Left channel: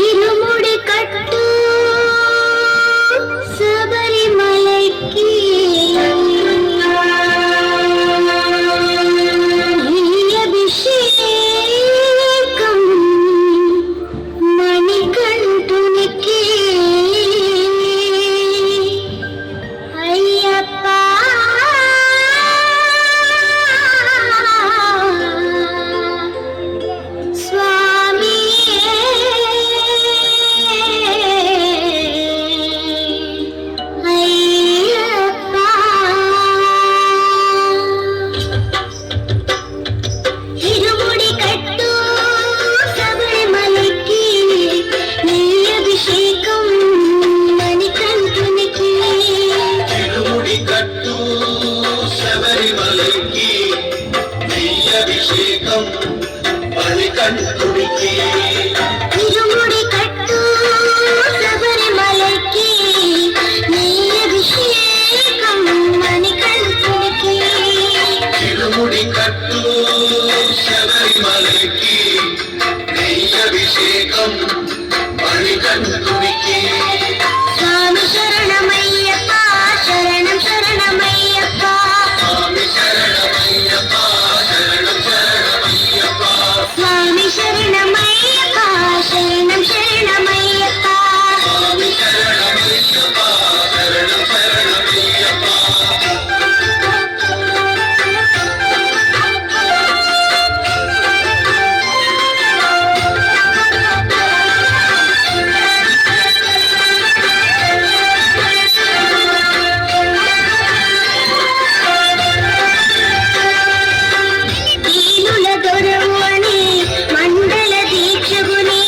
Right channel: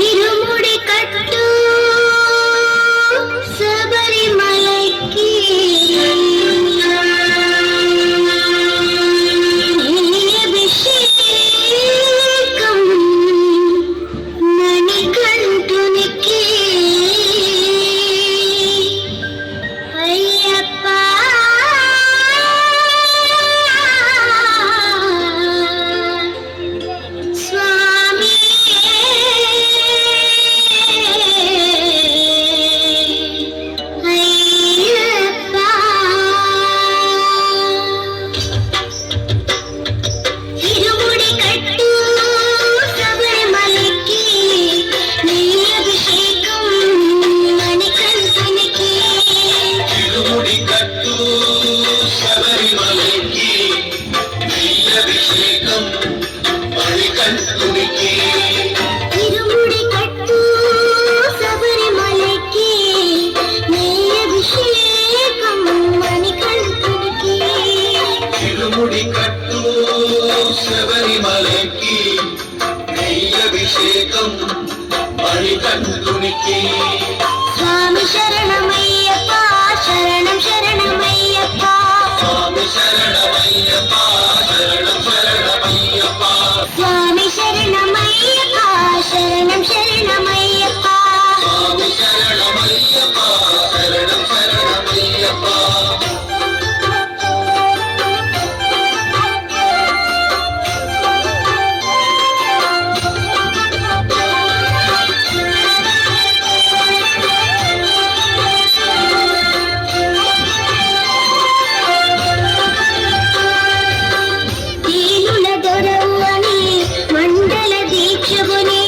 ఇరుముడి కట్టు శబరిమలకి అభిషేకం మణికంఠునికి అయ్యప్ప స్వామి అయ్యప్ప ఇరుముడి కట్టు శబరిమలకి నీ అభిషేకం మణికంఠునికి ఇరుముడి కట్టు శబరిమలకి నీ అభిషేకం మణికంఠునికి ఇరుముడి కట్టు శబరిమలకి నీ అభిషేకం మణికంఠునికి ఇరుముడి కట్టు శబరిమలకి నీ అభిషేకం మణికంఠునికి స్వామి శరణమయ్యప్ప శరణం శరణమయ్యప్ప స్వామి శరణమయ్యప్ప శరణం శరణమయ్యప్ప స్వామి శరణమయ్యప్ప శరణం శరణమయ్యప్ప స్వామి శరణమయ్యప్ప శరణం శరణమయ్యప్ప దీనుల దొరవు అని మండల దీక్షగుని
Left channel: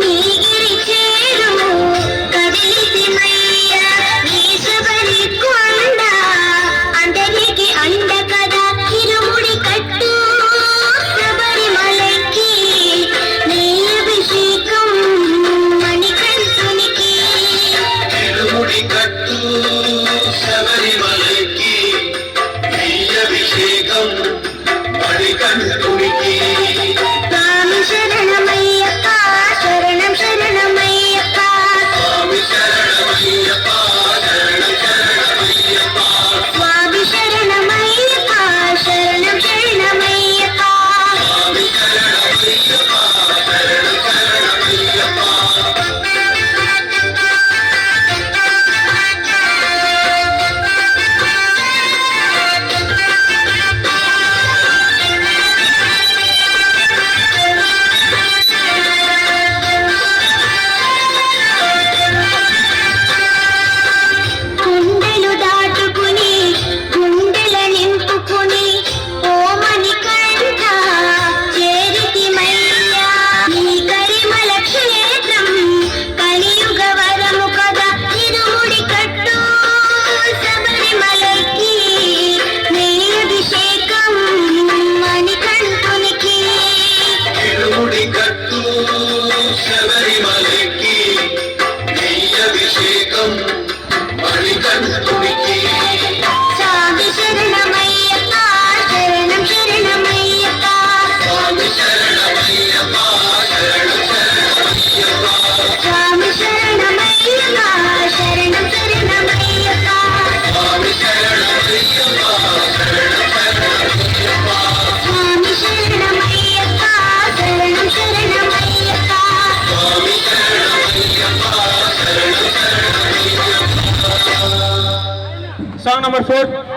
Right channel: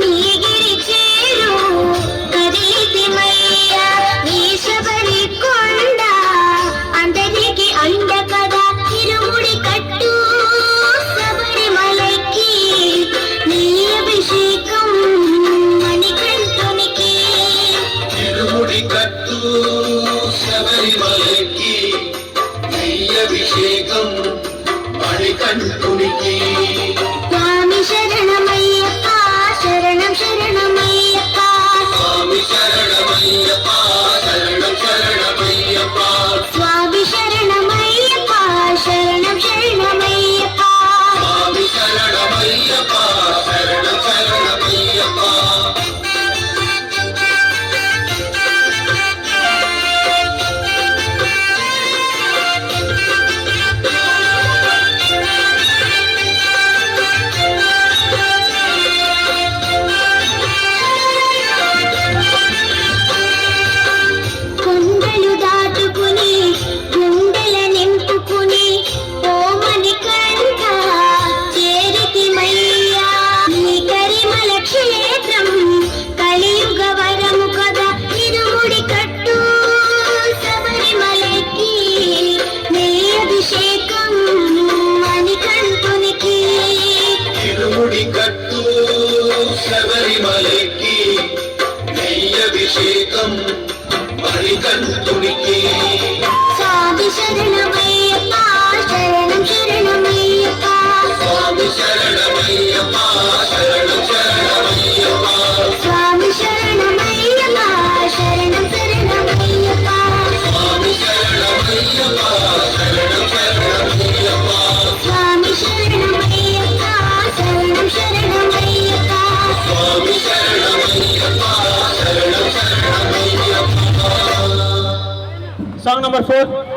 నీగిరి చేరు కదిలితిమయ్య నీ శబరి కొండ అందరికి అండ కదా ఇరుముడి కట్టు శబరిమలకి నీ అభిషేకం మణికంఠునికి ఇరుముడి కట్టు శబరిమలకి నీ అభిషేకం మణికంఠునికి స్వామి శరణమయ్యప్ప శరణం శరణమయ్యప్ప స్వామి శరణమయ్యప్ప శరణం శరణమయ్యప్ప స్వామి శరణమయ్యప్ప శరణం శరణమయ్యప్ప స్వామి శరణమయ్యప్ప శరణం శరణమయ్యప్ప కుండలు దాటుకుని గుండెల నింపుకుని ఓమని కంట చేరితిమయ్యా నీ కరిమల క్షేత్రం కలియుగ వరము కదా ఇరుముడి కట్టు శబరిమలకి నీ అభిషేకం మణికంఠునికి ఇరుముడి కట్టు శబరిమలకి నీ అభిషేకం మణికంఠునికి స్వామి శరణమయ్యప్ప శరణం శరణమయ్యప్ప స్వామి శరణమయ్యప్ప శరణం శరణమయ్యప్ప స్వామి శరణమయ్యప్ప శరణం శరణమయ్యప్ప స్వామి శరణమయ్యప్ప శరణం శరణమయ్యప్ప స్వామి శరణమయ్యప్ప శరణం శరణమయ్యప్ప స్వామి శరణమయ్యప్ప శరణం శరణమయ్యప్ప Song number 4.